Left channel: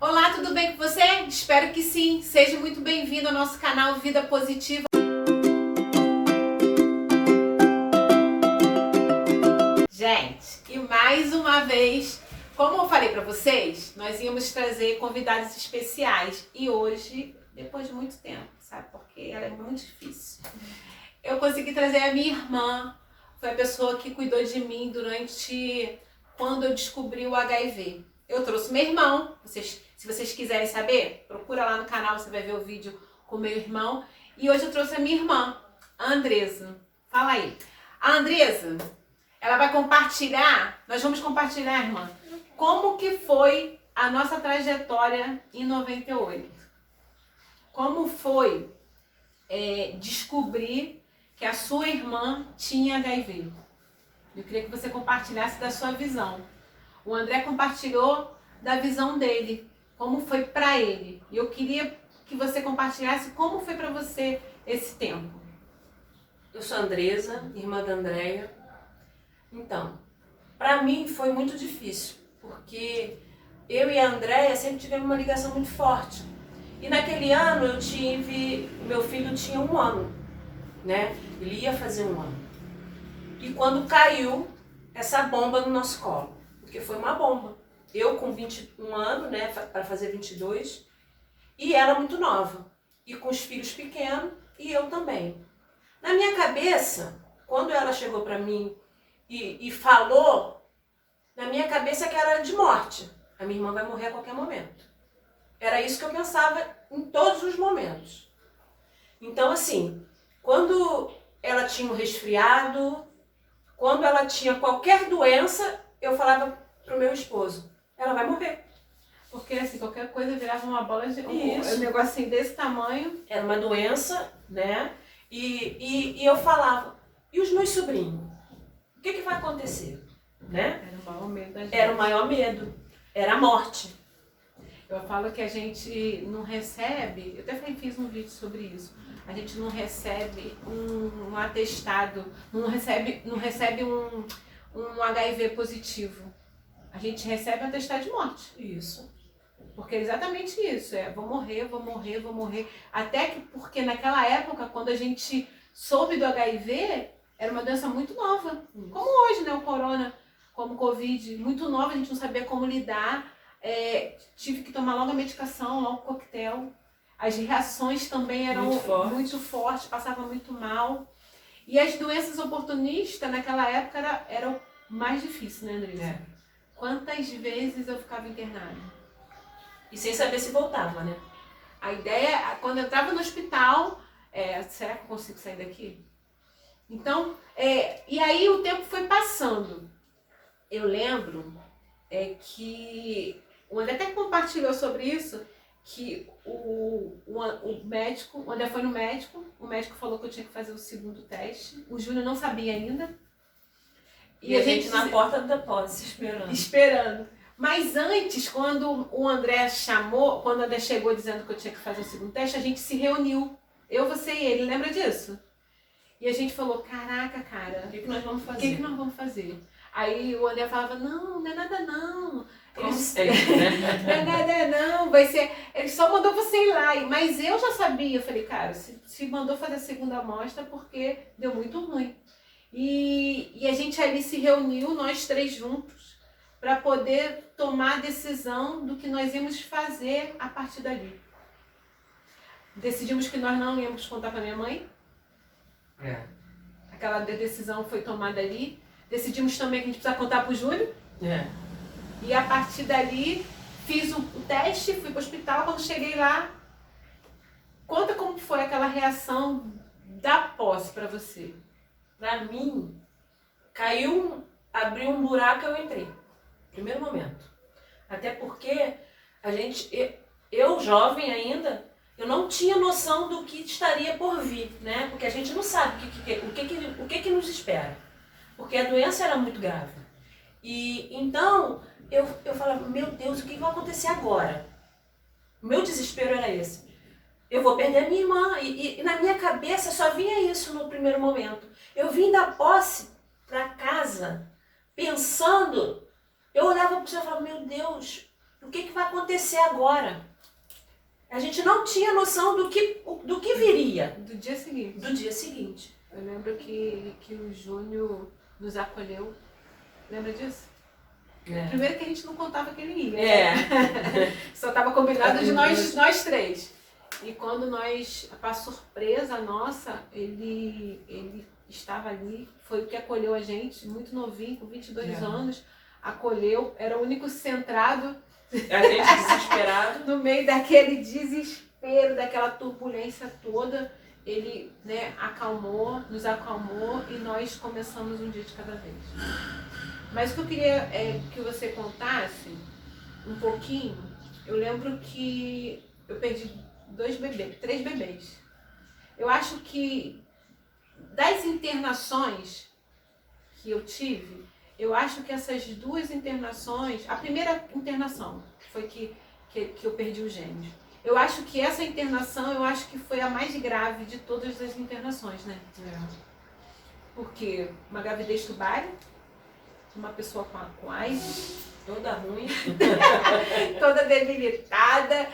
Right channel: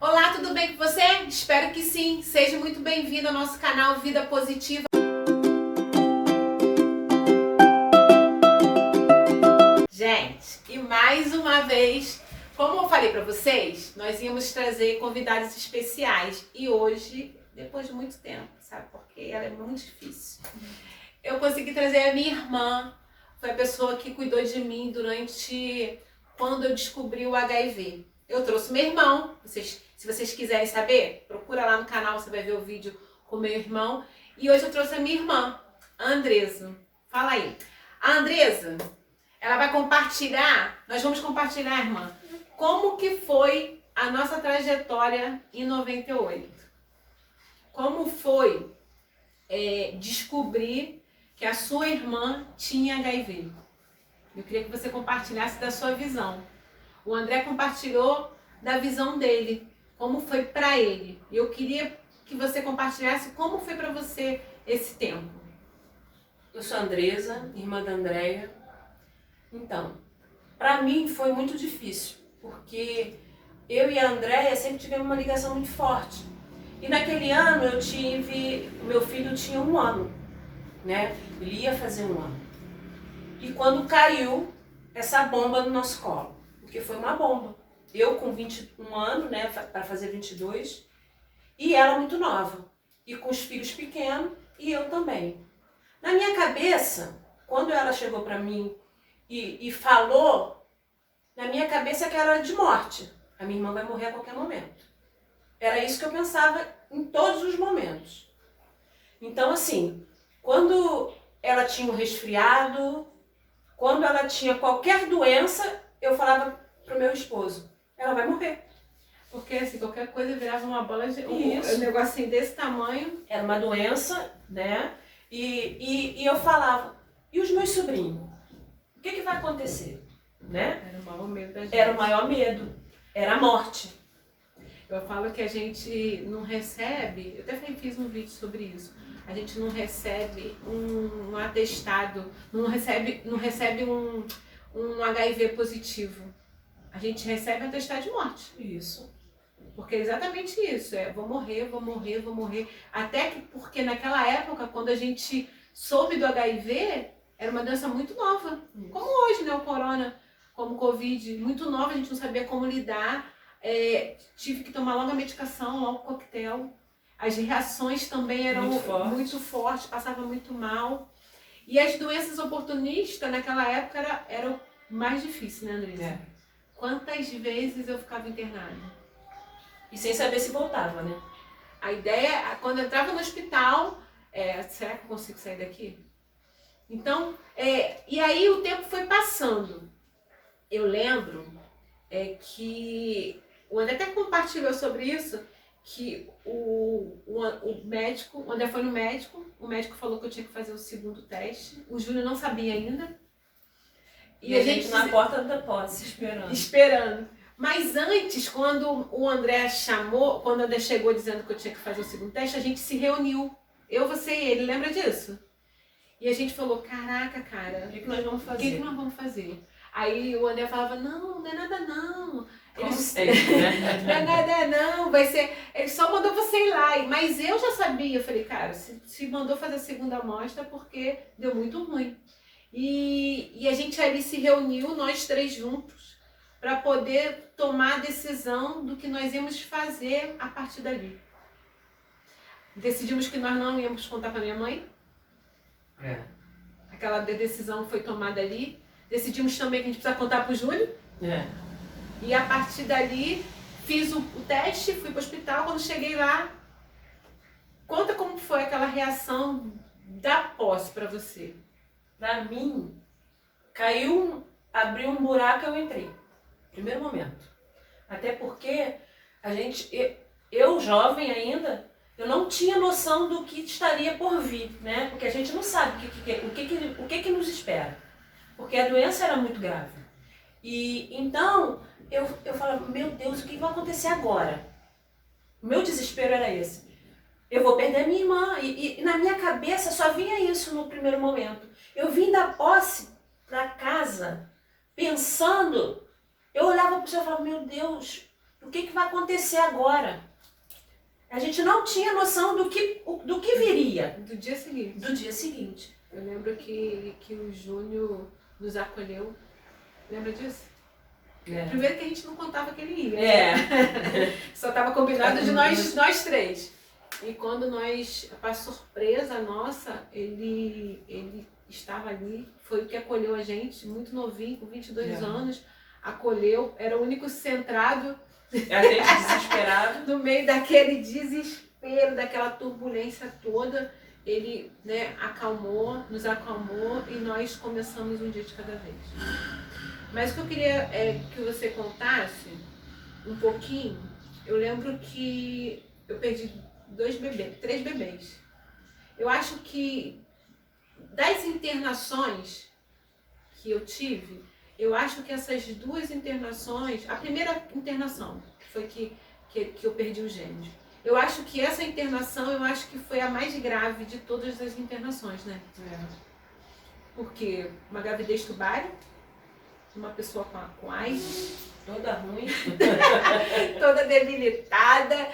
Olá, tudo bem com você? Espero que sim. Seja muito bem-vindo ao nosso canal Vida Positiva. Gente, e mais uma vez, como eu falei para vocês, nós íamos trazer convidados especiais. E hoje, depois de muito tempo, sabe? Porque ela é muito difícil. Eu consegui trazer a minha irmã. Foi a pessoa que cuidou de mim durante quando eu descobri o HIV. Eu trouxe meu irmão. Se vocês quiserem saber, procura lá no canal, você vai ver o vídeo com meu irmão. E hoje eu trouxe a minha irmã, a Andresa. Fala aí. A Andresa, ela vai compartilhar, nós vamos compartilhar, irmã, como que foi a nossa trajetória em 98. Como foi descobrir que a sua irmã tinha HIV. Eu queria que você compartilhasse da sua visão. O André compartilhou da visão dele, como foi para ele. E eu queria que você compartilhasse como foi para você esse tempo. Eu sou a Andresa, irmã da Andréia. Então, para mim foi muito difícil, porque eu e a Andréia sempre tivemos uma ligação muito forte. E naquele ano meu filho tinha 1 ano, né? Ele ia fazer 1 ano. E quando caiu essa bomba no nosso colo, porque foi uma bomba. Eu com 21 anos, né, para fazer 22, e ela muito nova, e com os filhos pequenos, e eu também. Na minha cabeça, quando ela chegou para mim e falou, na minha cabeça que era de morte. A minha irmã vai morrer a qualquer momento. Era isso que eu pensava em todos os momentos. Então, assim, quando ela tinha um resfriado, quando ela tinha qualquer doença, eu falava pro meu esposo, ela vai morrer. Porque assim, qualquer coisa virava uma bola de... um negocinho desse tamanho. Era uma doença, né? E eu falava, e os meus sobrinhos? O que vai acontecer? Né? Era o maior medo da gente. Era o maior medo. Era a morte. Eu falo que a gente não recebe, eu até fiz um vídeo sobre isso, a gente não recebe um atestado, não recebe um HIV positivo. A gente recebe atestado de morte. Isso. Porque é exatamente isso, vou morrer. Até que, porque naquela época, quando a gente soube do HIV, era uma doença muito nova. Isso. Como hoje, né, o corona, como o Covid, muito nova, a gente não sabia como lidar. Tive que tomar logo a medicação, logo o coquetel. As reações também eram muito fortes, passava muito mal. E as doenças oportunistas naquela época eram mais difíceis, né, Andressa? Quantas vezes eu ficava internada? E sem saber se voltava, né? A ideia, quando eu entrava no hospital, será que eu consigo sair daqui? Então, e aí o tempo foi passando. Eu lembro que o André até compartilhou sobre isso, que o médico, o André foi no médico, o médico falou que eu tinha que fazer o 2º teste, o Júnior não sabia ainda. E a gente na porta da posse, esperando. Mas antes, quando o André chegou dizendo que eu tinha que fazer o 2º teste, a gente se reuniu, eu, você e ele, lembra disso? E a gente falou, caraca, cara, o que nós vamos fazer? O que nós vamos fazer? Aí o André falava, não é nada não. Como sempre, né? Não é nada não, vai ser... Ele só mandou você ir lá. Mas eu já sabia, eu falei, cara, se mandou fazer a 2ª amostra porque deu muito ruim. E a gente ali se reuniu, nós 3 juntos, para poder tomar a decisão do que nós íamos fazer a partir dali. Decidimos que nós não íamos contar para minha mãe. Aquela decisão foi tomada ali. Decidimos também que a gente precisa contar para o Júnior. E a partir dali, fiz o teste, fui para o hospital. Quando cheguei lá, conta como foi aquela reação da posse para você. Para mim, abriu um buraco e eu entrei. Primeiro momento. Até porque eu jovem ainda, eu não tinha noção do que estaria por vir, né? Porque a gente não sabe o que nos espera. Porque a doença era muito grave. E então, eu falava, meu Deus, o que vai acontecer agora? O meu desespero era esse. Eu vou perder minha irmã. E na minha cabeça só vinha isso no primeiro momento. Eu vim da posse para casa pensando, eu olhava para o céu e falava, meu Deus, o que vai acontecer agora? A gente não tinha noção do que viria. Do dia seguinte. Do dia seguinte. Eu lembro que o Júnior nos acolheu. Lembra disso? Primeiro que a gente não contava que ele ia. Só estava combinado de nós três. E quando para surpresa nossa, ele estava ali, foi o que acolheu a gente, muito novinho, com 22 anos, acolheu, era o único centrado. A gente desesperado. No meio daquele desespero, daquela turbulência toda, ele, né, nos acalmou e nós começamos um dia de cada vez. Mas o que eu queria é que você contasse um pouquinho. Eu lembro que eu perdi 3 bebês. Eu acho que das internações que eu tive, eu acho que essas 2 internações, a primeira internação foi que eu perdi os gêmeos. Eu acho que essa internação, eu acho que foi a mais grave de todas as internações, né? Porque uma gravidez tubária, uma pessoa com AIDS, toda ruim, toda debilitada,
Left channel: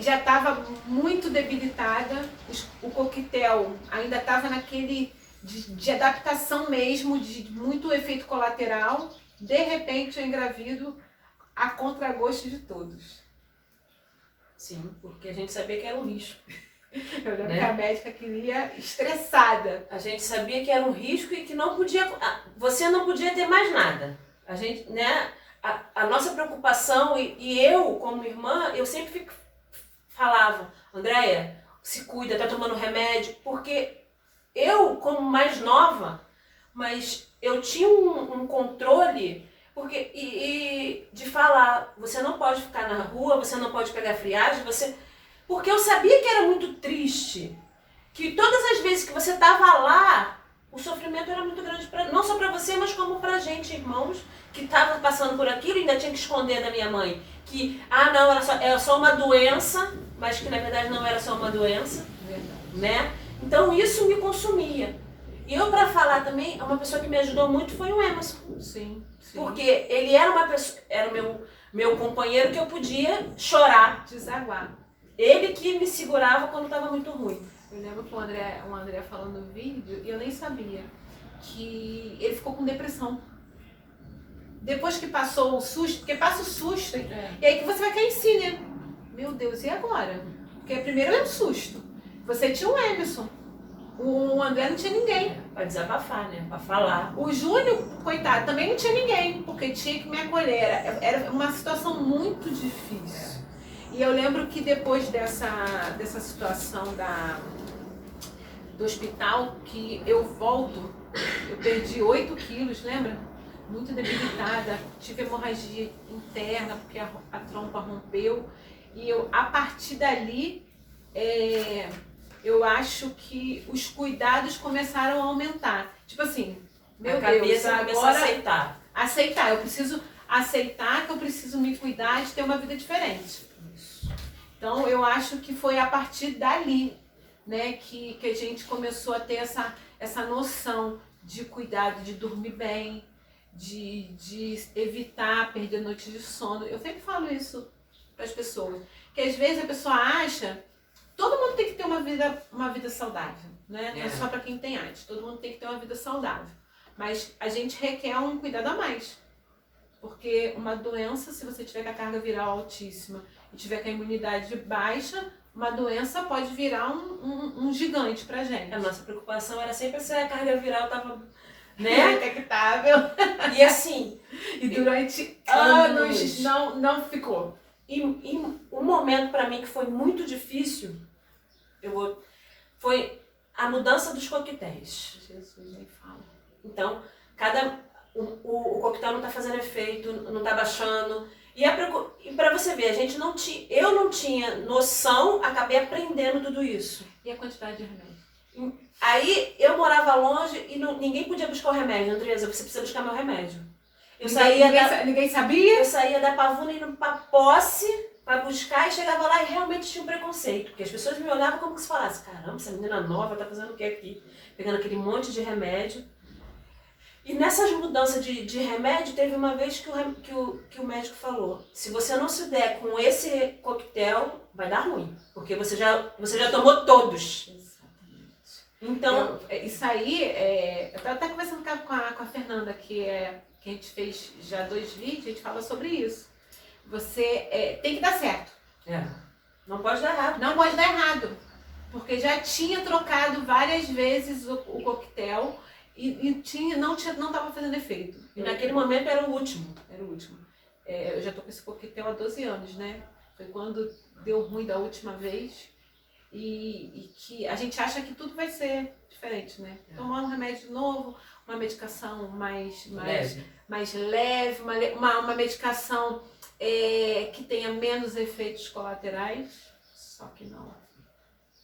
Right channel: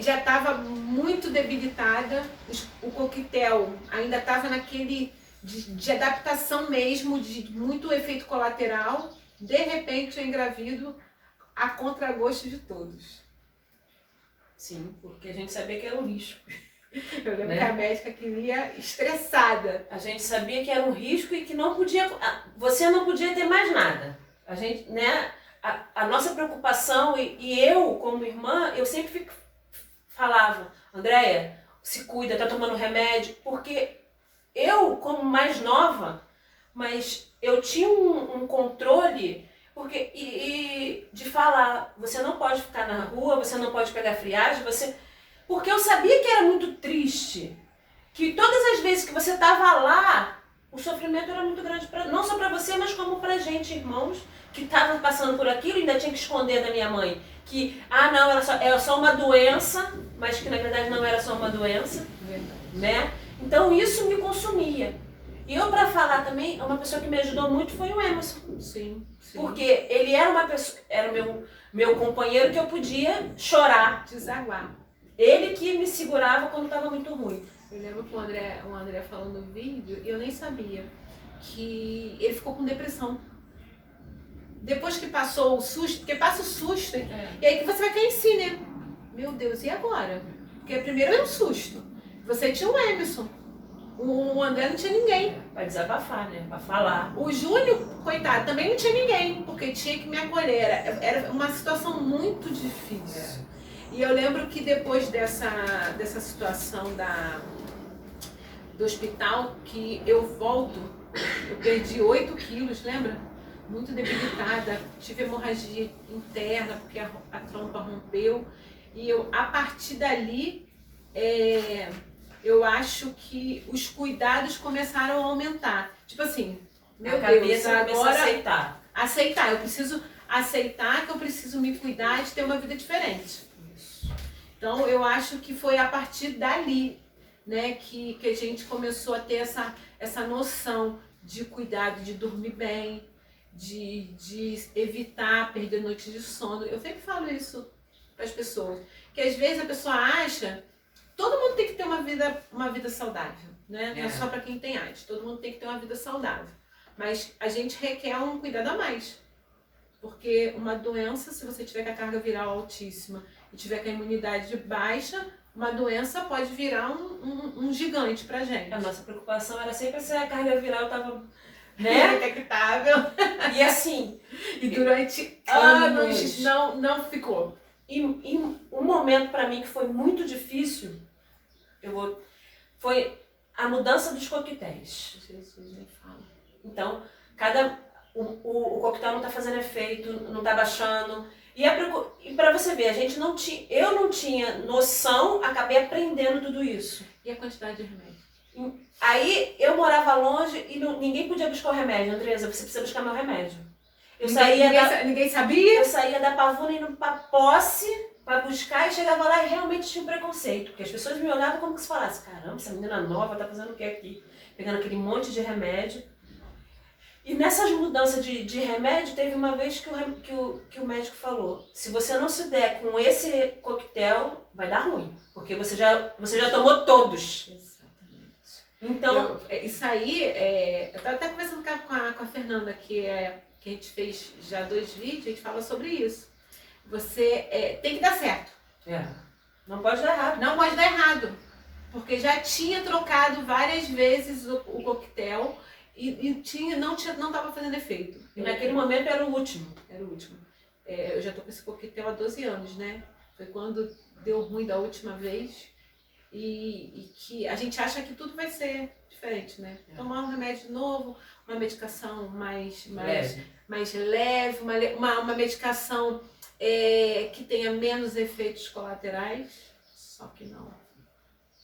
já estava muito debilitada, o coquetel ainda estava naquele de adaptação mesmo, de muito efeito colateral. De repente eu engravido a contragosto de todos. Sim, porque a gente sabia que era um risco. Eu lembro que a médica queria estressada. A gente sabia que era um risco e que não podia, você não podia ter mais nada. A gente, né, a nossa preocupação, e eu como irmã, eu sempre falava, Andréia, se cuida, tá tomando remédio, porque eu, como mais nova, mas eu tinha um controle, porque e de falar, você não pode ficar na rua, você não pode pegar friagem, porque eu sabia que era muito triste, que todas as vezes que você estava lá, o sofrimento era muito grande, não só para você, mas como para a gente, irmãos, que estavam passando por aquilo e ainda tinha que esconder da minha mãe. Que, não, era só uma doença, mas que na verdade não era só uma doença, né? Então isso me consumia. E eu, para falar também, uma pessoa que me ajudou muito foi o Emerson. Sim. Porque ele era uma pessoa, era meu companheiro que eu podia chorar. Desaguar. Ele que me segurava quando estava muito ruim. Eu lembro que o André falou no vídeo, e eu nem sabia, que ele ficou com depressão. Depois que passou o susto, porque passa o susto, e aí que você vai cair em si, né? Meu Deus, e agora? Porque primeiro é um susto. Você tinha o Emerson. O André não tinha ninguém. Pra desabafar, né? Pra falar. O Júnior, coitado, também não tinha ninguém, porque tinha que me acolher. Era uma situação muito difícil. E eu lembro que depois dessa situação do hospital, que eu volto, eu perdi 8 quilos, lembra? Muito debilitada, tive hemorragia interna, porque a trompa rompeu. E a partir dali, eu acho que os cuidados começaram a aumentar. Tipo assim, meu Deus, agora aceitar. Eu preciso aceitar que eu preciso me cuidar de ter uma vida diferente. Então, eu acho que foi a partir dali, né, que a gente começou a ter essa noção de cuidado, de dormir bem, de evitar perder noites de sono. Eu sempre falo isso para as pessoas, que às vezes a pessoa acha, todo mundo tem que ter uma vida saudável, né? Não é só para quem tem AIDS, todo mundo tem que ter uma vida saudável. Mas a gente requer um cuidado a mais. Porque uma doença, se você tiver com a carga viral altíssima e tiver com a imunidade baixa, uma doença pode virar um gigante pra gente. A nossa preocupação era sempre se a carga viral estava, né, indetectável. E assim, e durante anos não ficou. E um momento para mim que foi muito difícil, foi a mudança dos coquetéis. Jesus, nem fala. Então, o coquetel não está fazendo efeito, não está baixando. E para você ver, eu não tinha noção, acabei aprendendo tudo isso. E a quantidade de remédio? Aí eu morava longe e ninguém podia buscar o remédio. Andresa, você precisa buscar meu remédio. Ninguém sabia? Eu saía da Pavuna indo pra Posse pra buscar e chegava lá e realmente tinha um preconceito. Porque as pessoas me olhavam como se falasse, caramba, essa menina nova tá fazendo o que aqui? Pegando aquele monte de remédio. E nessas mudanças de remédio, teve uma vez que o médico falou, se você não se der com esse coquetel, vai dar ruim, porque você já tomou todos. Exatamente. Então, Isso aí, eu estava até conversando com a Fernanda, que a gente fez já 2 vídeos, a gente fala sobre isso. Você tem que dar certo. Não pode dar errado. Não pode dar errado. Porque já tinha trocado várias vezes o coquetel e não estava fazendo efeito. E naquele momento era o último. Era o último. Eu já tô com esse coquetel há 12 anos, né? Foi quando deu ruim da última vez e que a gente acha que tudo vai ser diferente, né? Tomar um remédio novo, uma medicação mais leve, uma medicação que tenha menos efeitos colaterais, só que não,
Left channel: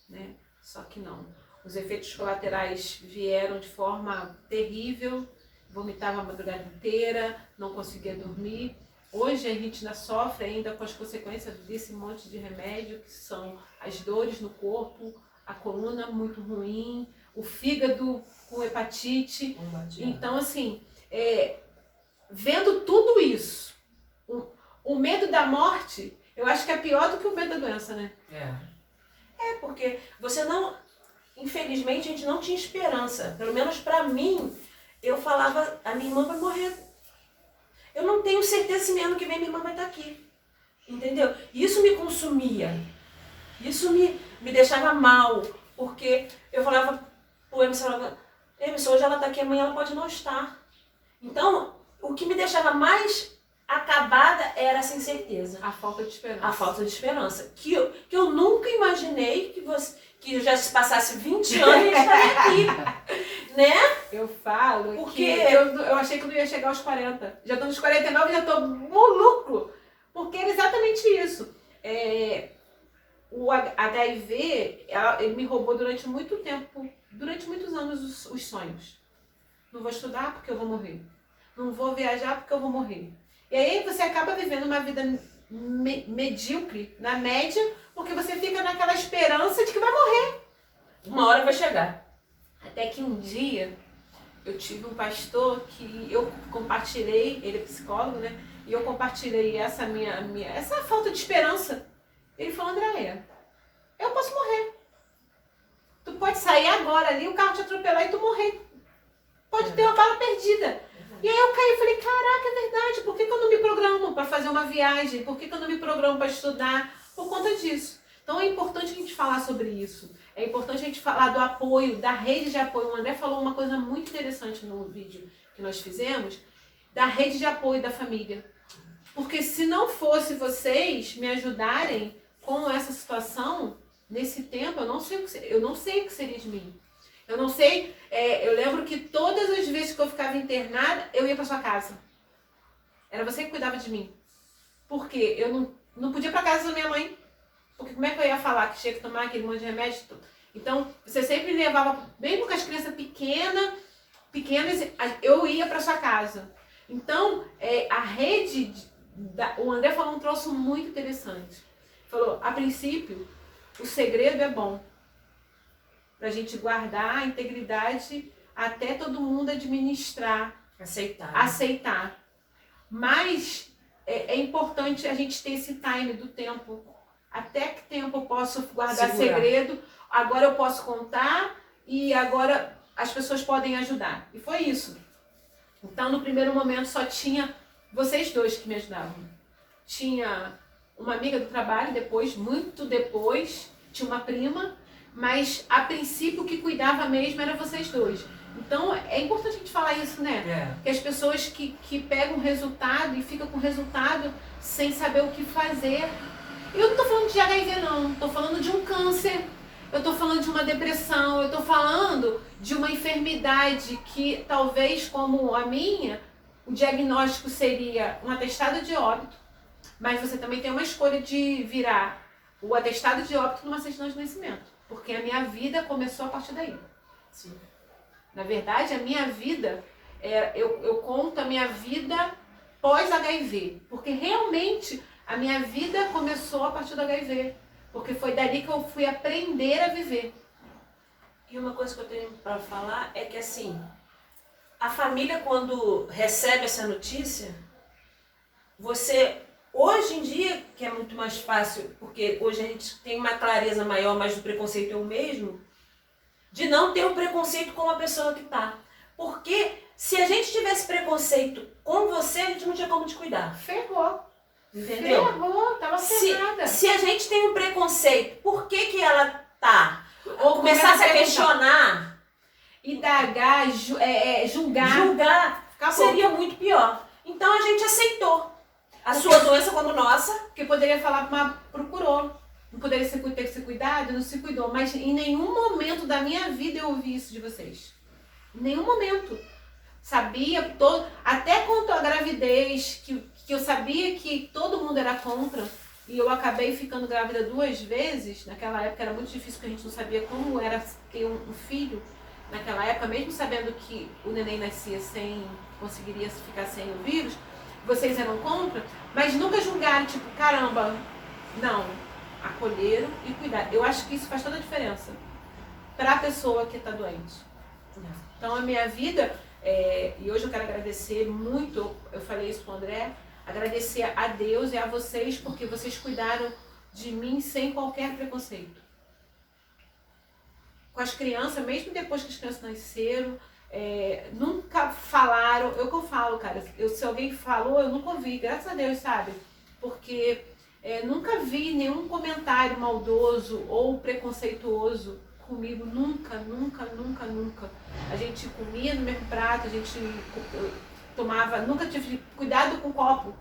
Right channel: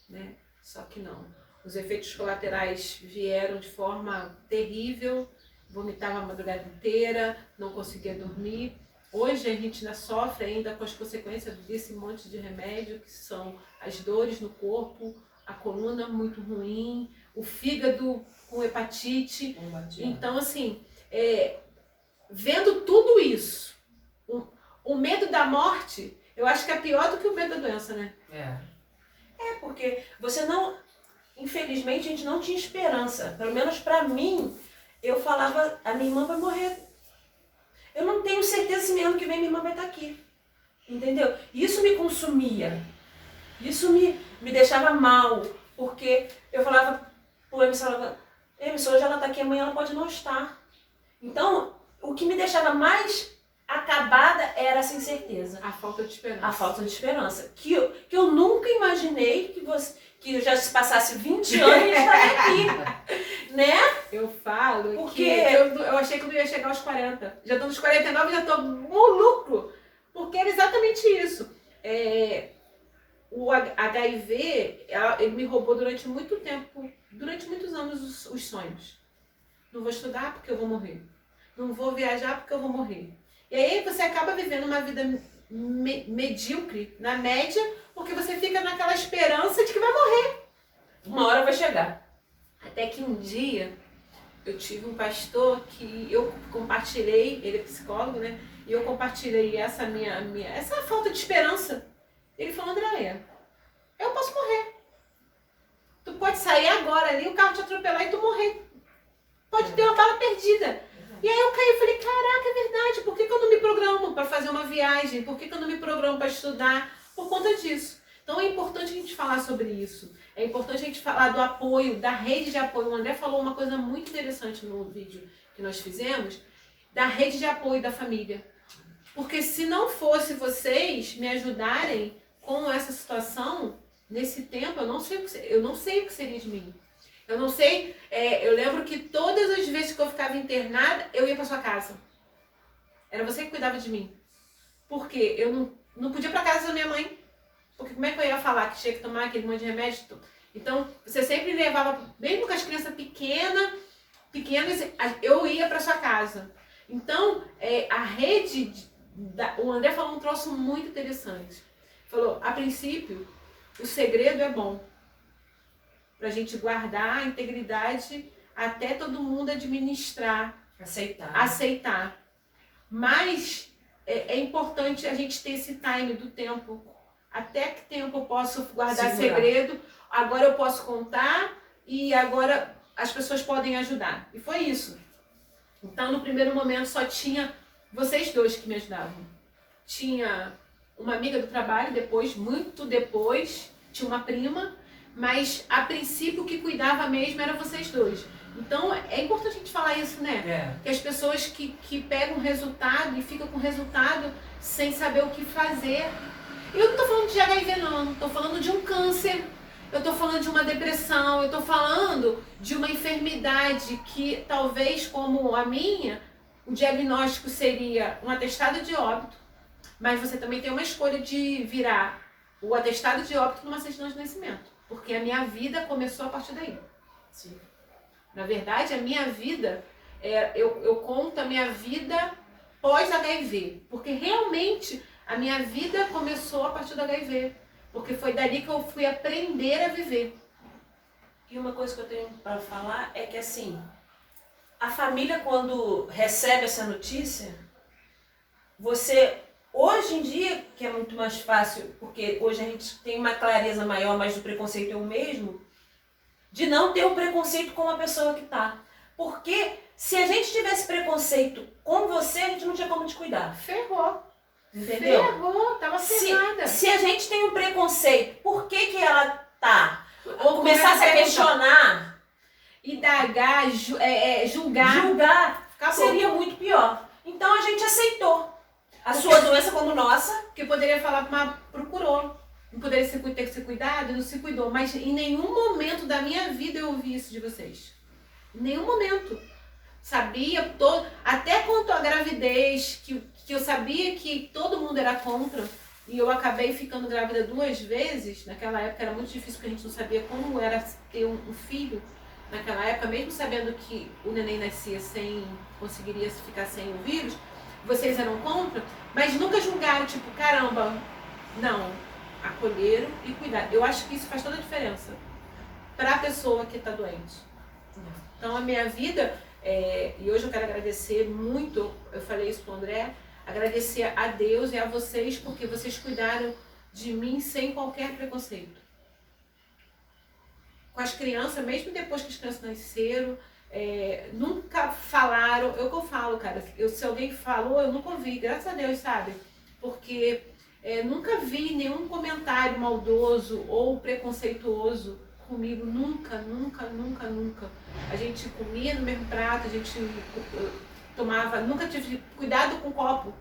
né? Só que não. Os efeitos colaterais vieram de forma terrível, vomitava a madrugada inteira, não conseguia dormir. Hoje a gente ainda sofre ainda com as consequências desse monte de remédio, que são as dores no corpo, a coluna muito ruim, o fígado com hepatite. Então, assim, vendo tudo isso, o medo da morte, eu acho que é pior do que o medo da doença, né? Porque você não... Infelizmente, a gente não tinha esperança. Pelo menos pra mim, eu falava, a minha irmã vai morrer. Eu não tenho certeza se ano que vem minha irmã vai estar aqui. Entendeu? Isso me consumia. Isso me deixava mal. Porque eu falava pro Emerson, hoje ela está aqui, amanhã ela pode não estar. Então, o que me deixava mais acabada era essa incerteza. A falta de esperança. A falta de esperança. Que eu nunca imaginei que já se passasse 20 anos e estaria aqui. Né? Eu falo porque que eu achei que não ia chegar aos 40. Já estou nos 49 e já estou no lucro. Porque era exatamente isso. O HIV, ele me roubou durante muito tempo, durante muitos anos, os sonhos. Não vou estudar porque eu vou morrer. Não vou viajar porque eu vou morrer. E aí você acaba vivendo uma vida medíocre, na média, porque você fica naquela esperança de que vai morrer. Uma hora vai chegar. Até que um dia eu tive um pastor que eu compartilhei, ele é psicólogo, né? E eu compartilhei essa essa falta de esperança. Ele falou, Andréia, eu posso morrer. Tu pode sair agora ali, o carro te atropelar e tu morrer. Pode ter uma bala perdida. E aí eu caí e falei, caraca, é verdade, por que eu não me programo para fazer uma viagem? Por que eu não me programo para estudar? Por conta disso. Então é importante a gente falar sobre isso. É importante a gente falar do apoio, da rede de apoio. O André falou uma coisa muito interessante no vídeo que nós fizemos, da rede de apoio da família. Porque se não fosse vocês me ajudarem com essa situação, nesse tempo, eu não sei o que seria de mim. Eu não sei, eu lembro que todas as vezes que eu ficava internada, eu ia para sua casa. Era você que cuidava de mim. Porque eu não podia ir para casa da minha mãe. Porque como é que eu ia falar que tinha que tomar aquele monte de remédio? Então, você sempre levava, mesmo com as crianças pequenas, eu ia para sua casa. Então, a rede, o André falou um troço muito interessante. Falou, a princípio, o segredo é bom. Pra gente guardar a integridade até todo mundo administrar. Aceitar. Mas é importante a gente ter esse time do tempo. Até que tempo eu posso guardar segredo, agora eu posso contar e agora as pessoas podem ajudar. E foi isso. Então, no primeiro momento, só tinha vocês dois que me ajudavam. Tinha uma amiga do trabalho, muito depois, tinha uma prima, mas a princípio o que cuidava mesmo era vocês dois. Então, é importante a gente falar isso, né? Que as pessoas que pegam resultado e ficam com resultado sem saber o que fazer. Eu não tô falando de HIV, não. Tô falando de um câncer. Eu tô falando de uma depressão. Eu tô falando de uma enfermidade que, talvez, como a minha, o diagnóstico seria um atestado de óbito. Mas você também tem uma escolha de virar o atestado de óbito numa certidão de nascimento. Porque a minha vida começou a partir daí. Sim. Na verdade, a minha vida, eu conto a minha vida pós-HIV. Porque realmente a minha vida começou a partir do HIV. Porque foi dali que eu fui aprender a viver. E uma coisa que eu tenho para falar é que, assim, a família, quando recebe essa notícia, você, hoje em dia, que é muito mais fácil, porque hoje a gente tem uma clareza maior, mas o preconceito é o mesmo, de não ter um preconceito com a pessoa que tá. Porque se a gente tivesse preconceito com você, a gente não tinha como te cuidar. Ferrou. Entendeu? Ferrou, tava ferrada. Se a gente tem um preconceito, por que ela tá? Ou Começar a se perguntar, questionar, indagar, julgar. Acabou. Seria muito pior. Então a gente aceitou a sua doença como nossa. Porque poderia falar, mas procurou. Não poderia ter que ser cuidado, não se cuidou. Mas em nenhum momento da minha vida eu ouvi isso de vocês. Em nenhum momento. Sabia, até quanto à gravidez, que eu sabia que todo mundo era contra. E eu acabei ficando grávida 2 vezes. Naquela época era muito difícil, porque a gente não sabia como era ter um filho. Naquela época, mesmo sabendo que o neném nascia conseguiria ficar sem o vírus, vocês eram contra, mas nunca julgaram, tipo, caramba, não, acolheram e cuidaram. Eu acho que isso faz toda a diferença para a pessoa que está doente. Então a minha vida, e hoje eu quero agradecer muito, eu falei isso com o André, agradecer a Deus e a vocês, porque vocês cuidaram de mim sem qualquer preconceito. Com as crianças, mesmo depois que as crianças nasceram, nunca falaram, eu que eu falo, cara, se alguém falou, eu nunca ouvi, graças a Deus, sabe? Porque nunca vi nenhum comentário maldoso ou preconceituoso comigo, nunca, nunca, nunca, nunca. A gente comia no mesmo prato, a gente tomava, nunca tive cuidado com o copo,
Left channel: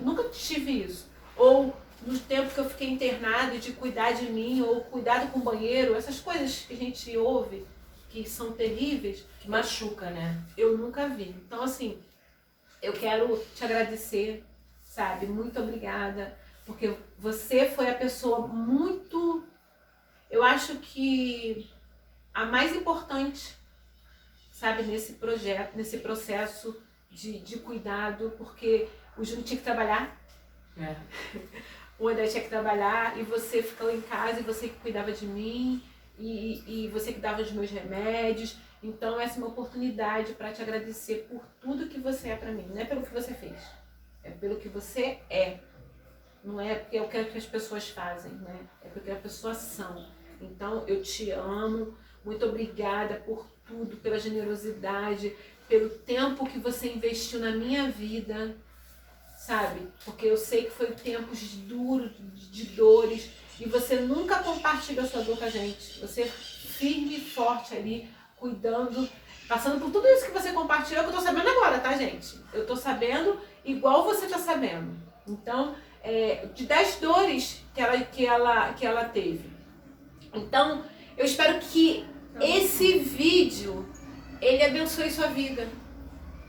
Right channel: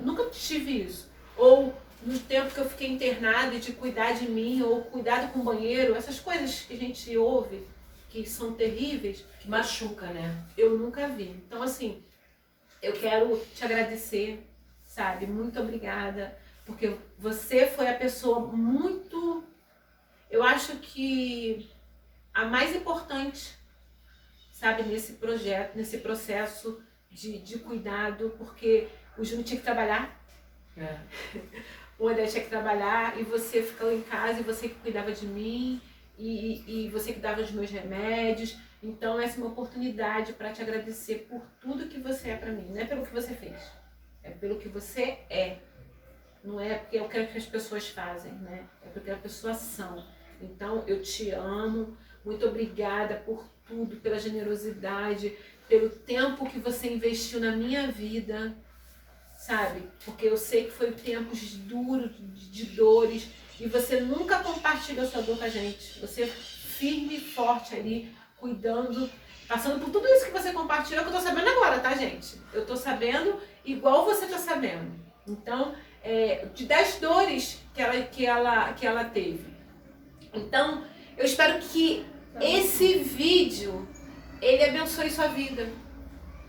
nunca tive isso. Ou no tempo que eu fiquei internada, de cuidar de mim, ou cuidado com o banheiro, essas coisas que a gente ouve, que são terríveis. Que machuca, né? Eu nunca vi. Então, assim, eu quero te agradecer, sabe? Muito obrigada, porque você foi a pessoa muito, eu acho que a mais importante, sabe? Nesse projeto, nesse processo de cuidado, porque o Júnior tinha que trabalhar. O André tinha que trabalhar e você ficou em casa e você que cuidava de mim e você que dava os meus remédios. Então essa é uma oportunidade para te agradecer por tudo que você é para mim. Não é pelo que você fez, é pelo que você é. Não é porque eu quero que as pessoas fazem, né? É porque as pessoas são. Então eu te amo, muito obrigada por tudo, pela generosidade, pelo tempo que você investiu na minha vida. Sabe? Porque eu sei que foi tempos duros, de dores, e você nunca compartilhou sua dor com a gente. Você firme e forte ali, cuidando, passando por tudo isso que você compartilhou, que eu tô sabendo agora, tá, gente? Eu tô sabendo igual você tá sabendo. Então, das dores que ela teve. Então, eu espero que esse vídeo, ele abençoe sua vida.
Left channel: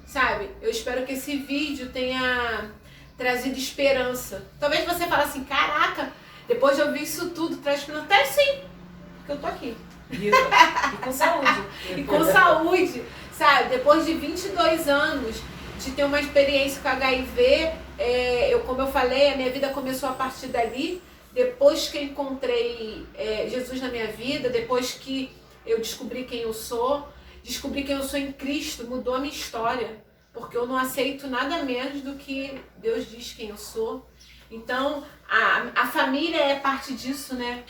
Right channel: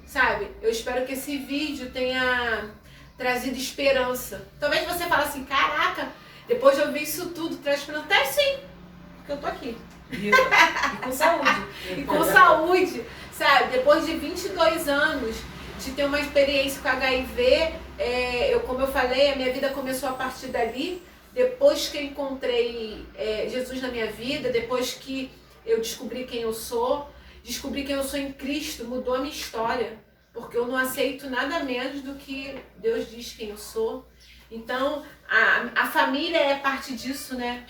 Sabe? Eu espero que esse vídeo tenha trazido esperança. Talvez você fale assim, caraca, depois de ouvir isso tudo, traz esperança. Até sim, porque eu tô aqui. E com saúde. E com saúde, sabe? Depois de 22 anos de ter uma experiência com HIV, como eu falei, a minha vida começou a partir dali. Depois que eu encontrei Jesus na minha vida, depois que eu descobri quem eu sou em Cristo, mudou a minha história. Porque eu não aceito nada menos do que Deus diz quem eu sou. Então, a família é parte disso, né?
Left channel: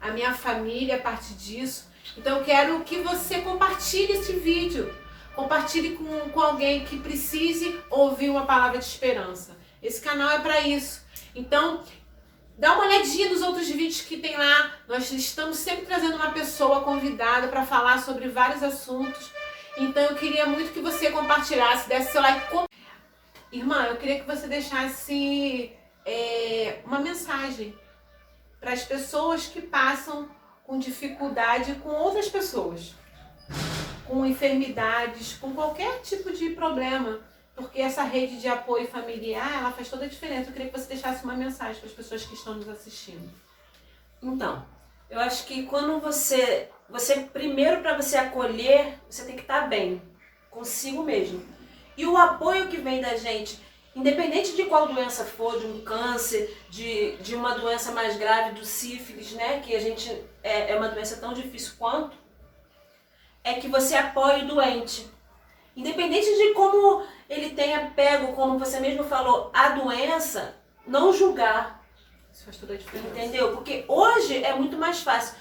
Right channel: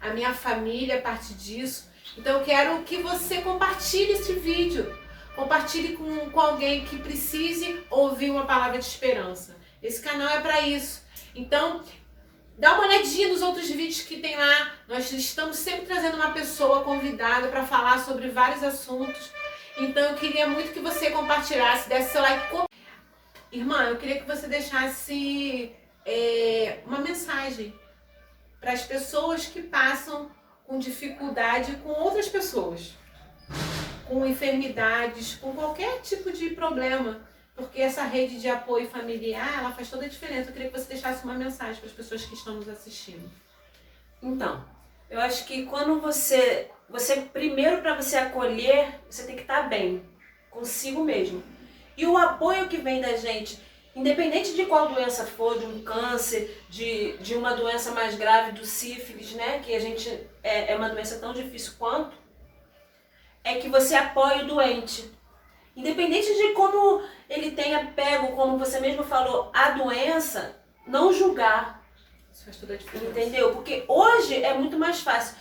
A minha família é parte disso. Então, eu quero que você compartilhe esse vídeo. Compartilhe com alguém que precise ouvir uma palavra de esperança. Esse canal é para isso. Então, dá uma olhadinha nos outros vídeos que tem lá. Nós estamos sempre trazendo uma pessoa convidada para falar sobre vários assuntos. Então eu queria muito que você compartilhasse, desse seu like. Irmã, eu queria que você deixasse uma mensagem para as pessoas que passam com dificuldade com outras pessoas, com enfermidades, com qualquer tipo de problema. Porque essa rede de apoio familiar, ela faz toda a diferença. Eu queria que você deixasse uma mensagem para as pessoas que estão nos assistindo. Então, eu acho que quando você primeiro, para você acolher, você tem que estar bem consigo mesmo. E o apoio que vem da gente, independente de qual doença for, de um câncer, de uma doença mais grave, do sífilis, né, que a gente é uma doença tão difícil quanto, é que você apoie o doente. Independente de como ele tenha pego, como você mesmo falou, a doença, não julgar. Isso faz toda a diferença. Entendeu? Porque hoje é muito mais fácil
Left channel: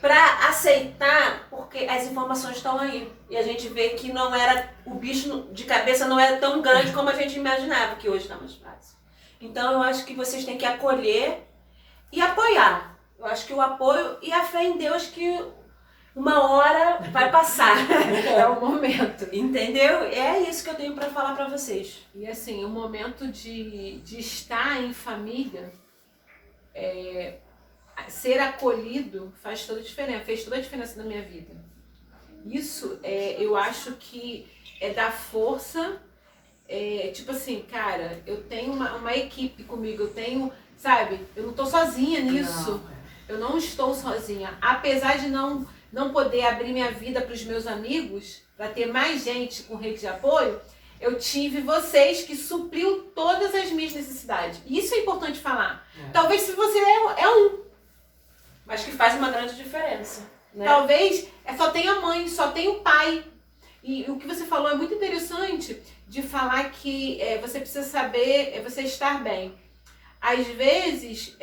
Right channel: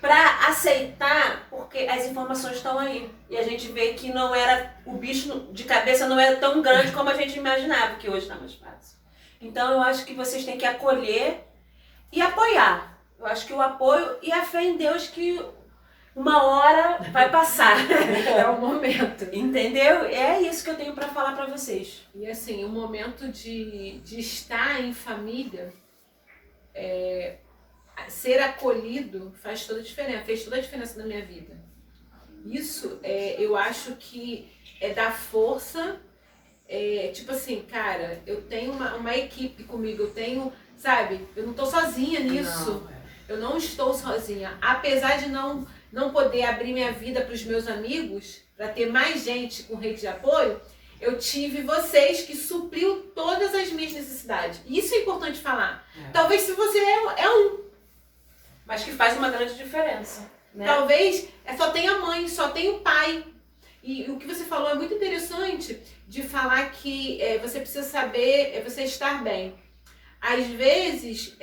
para aceitar, porque as informações estão aí. E a gente vê que não era, o bicho de cabeça não era tão grande como a gente imaginava, que hoje está mais fácil. Então eu acho que vocês têm que acolher e apoiar. Eu acho que o apoio e a fé em Deus que uma hora vai passar. É o momento. Entendeu? É isso que eu tenho para falar para vocês. E assim, o momento de estar em família, ser acolhido faz toda a diferença, fez toda a diferença na minha vida. Isso, eu acho que dar força, tipo assim, cara, eu tenho uma equipe comigo, eu tenho, sabe, eu não tô sozinha nisso. Eu não estou sozinha. Apesar de não poder abrir minha vida para os meus amigos, para ter mais gente com rede de apoio, eu tive vocês que supriu todas as minhas necessidades. Isso é importante falar. Talvez se você é um, mas que faz uma grande diferença. Né? Talvez só tenha mãe, só tenha o pai. E o que você falou é muito interessante de falar que você precisa saber você estar bem. Às vezes,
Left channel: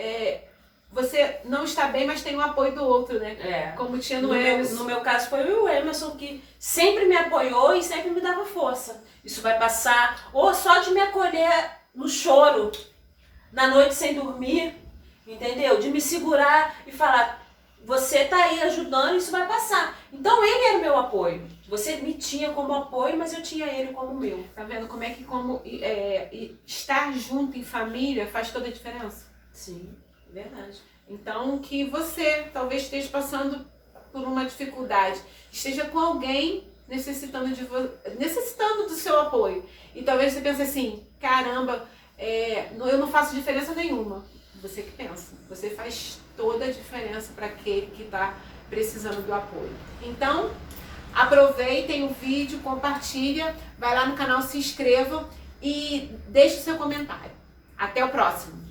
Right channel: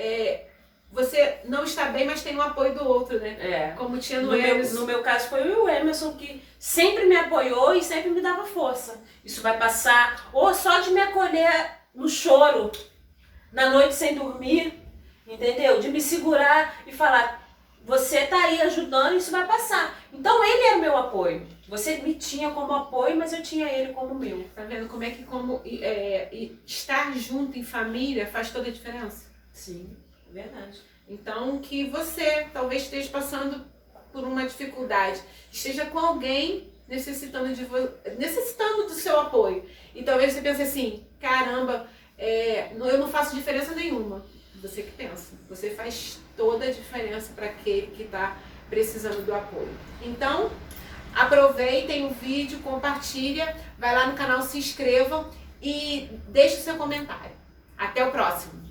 você não está bem, mas tem o apoio do outro, né? Como tinha no Emerson. No meu caso foi o Emerson, que sempre me apoiou e sempre me dava força. Isso vai passar. Ou só de me acolher no choro, na noite sem dormir, entendeu? De me segurar e falar, você tá aí ajudando, isso vai passar. Então ele era o meu apoio. Você me tinha como apoio, mas eu tinha ele como meu. Tá vendo como é que estar junto em família faz toda a diferença? Sim. Verdade. Então, que você talvez esteja passando por uma dificuldade, esteja com alguém necessitando do seu apoio. E talvez você pense assim, caramba, eu não faço diferença nenhuma. Você que pensa. Você faz toda a diferença para aquele que está precisando do apoio. Então, aproveitem o vídeo, compartilha, vai lá no canal, se inscreva e deixe o seu comentário. Até o próximo.